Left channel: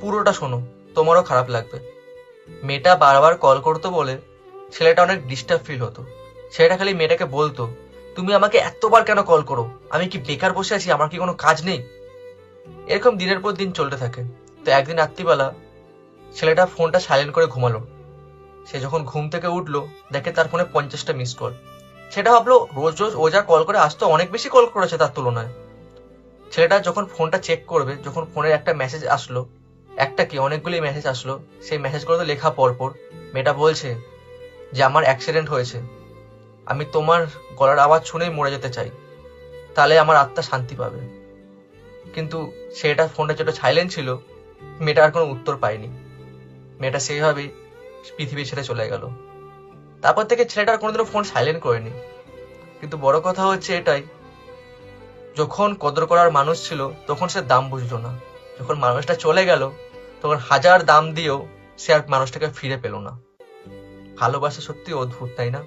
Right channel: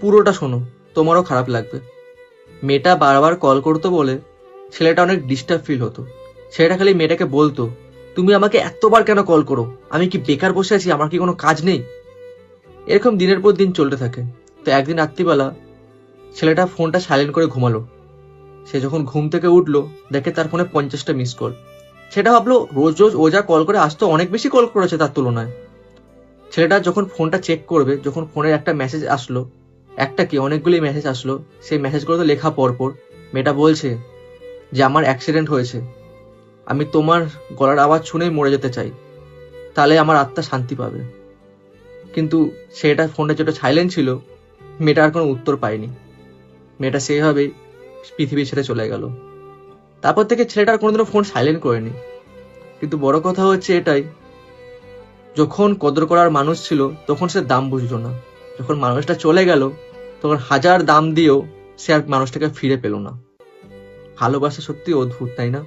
পুরোটা শোনো, তোমারও খারাপ লাগবে। মেয়েটা বারবার কল করতো বলে ছেলেটা অনেক ডিস্টার্ব ফিল হতো। ছেলেটা খালি মেয়েটাকে বলতো, তুমি আমাকে এতবার কেন কল করো? আমি কি বেকার বসে আছি? আমার কি কোনো কাজ নেই? এরকম দিনের পর দিন চলতে থাকে। তো একদিন রাত্রিবেলা ছেলেটা ফোনটা সাইলেন্ট করে ঘুমালো। সে যখন ঘুম থেকে উঠলো, দেখে তার ফোনে 50টা মিস কল। সেটা ভাবলো রোজ রোজ ও যা কল করে, আজ তো অনেক বেশি কল করেছে তার তুলনায়। ছেলেটা যখন ফোনটা চেক করবে, যখন ফোনের একটা মেসেজ আসলো, একটা কি অনেকগুলি মেসেজ আসলো, সেই মেসেজগুলো তো লেখা পরপর মেয়েটা বলছে যে আমার অ্যাক্সিডেন্ট হয়েছে, আমি তোমার গলার আওয়াজ শুনেই মরে যেতে চাই, তাহলে আমার আত্মা শান্তি পাবে। কিন্তু সেটা ফোনটা যেটা সাইলেন্ট ছিল, মেয়েটা আর কোনো উত্তর পায়নি। মেয়েটা সেইভাবেই পৃথিবী ছেড়ে চলে গেল। তারপর থেকে ছেলেটা আর কোনোদিনও ফোন সাইলেন্ট করেনি। কিন্তু বড় কথা হচ্ছে এটাই, যখন কদর করার মানুষ ছিল তখন সে দাম বুঝলো না। যখন মানুষটা চলে গেল, তখন হাজার দাম দিয়েও সে আর মানুষটাকে ফিরে পেল না। ভালোবাসা সত্যি অদ্ভুত, তাই না?